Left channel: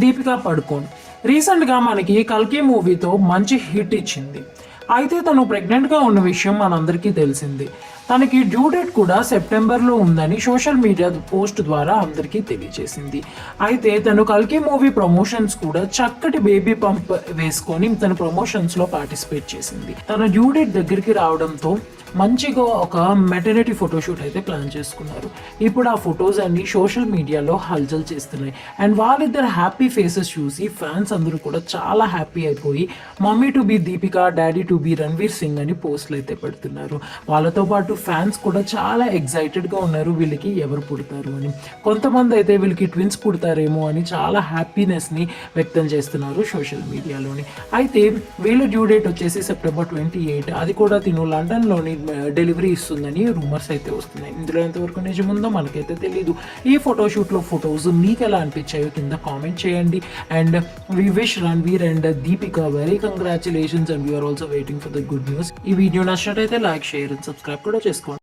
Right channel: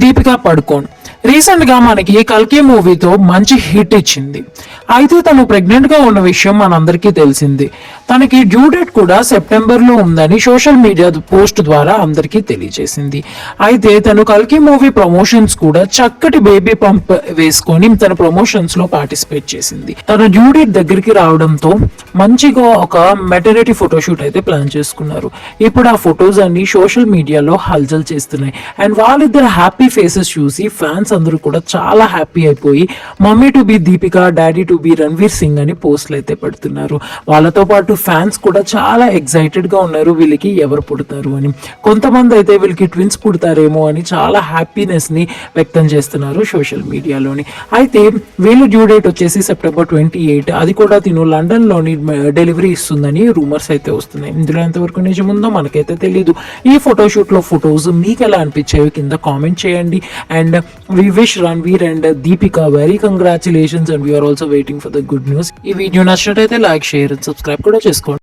Deepika పడుకోన్ recent గా మనకి కల్కి మూవీతో మంచి హిట్ ఇచ్చింది. అయితే తను ప్రెగ్నెంట్ గా ఉన్న విషయం మనందరికీ తెలిసింది. తనకి డ్యూ డేట్ కూడా సెప్టెంబర్ లో ఉందని సోషల్ మీడియా పోస్ట్ ద్వారా అందరికీ తెలియజేసింది. అయితే తను కల్కి మూవీ ప్రమోషన్స్ కూడా చక్కటి బేబీ పంప్ వేసుకొని తన ప్రమోషన్స్ లో పార్టిసిపేట్ చేసింది. తన డ్యూ డేట్ దగ్గరికి రావడంతో మంచిగా ఒక మెటర్నిటీ ఫోటోషూట్ అయితే ప్లాన్ చేసుకున్నారు. ఇప్పుడు ఆ ఫొటోస్ అన్ని సోషల్ మీడియాలో హల్చల్ చేస్తున్నాయి. అండ్ వాళ్ళిద్దరు హ్యాపీ ఫేసెస్ చూసి ఫ్యాన్స్ అందరూ కూడా చాలా హ్యాపీ అయిపోయి mummy to be Deepika, daddy to be Ranveer Singh అని పోస్టులు అయితే పెడుతున్నారు. వాళ్ళతో పాటు ఫ్యాన్స్ కూడా చాలా ఎక్సైటెడ్ గా ఉన్నారు వీళ్ళకి ఎవరు పుడతారు అని. కొంతమంది అయితే వీళ్ళకి ట్విన్స్ పుడతారేమో అని చాలా హ్యాపీనెస్ ని వ్యక్తం చేస్తున్నారు సోషల్ మీడియాలోని. అయితే వీళ్ళ డ్యూ డేట్ వచ్చేసి సెప్టెంబర్ 28. అది కూడా తిను లండన్ లోని డెలివరీ ఇస్తుందని రూమర్స్ అయితే వస్తున్నాయి. ఇందులో ఎంతవరకు నిజం ఉందో మనకైతే తెలీదు. ఈ ఫోటోషూట్ లో ఫొటోస్ మీకు ఎలా అనిపించాయో కింద కామెంట్ చేయండి. And we wish Ranveer and Deepika very congratulations and we are also waiting for the good news. ఈ వీడియో నచ్చినట్టయితే లైక్, షేర్ అండ్ సబ్స్క్రైబ్ కూడా చేసుకోండి.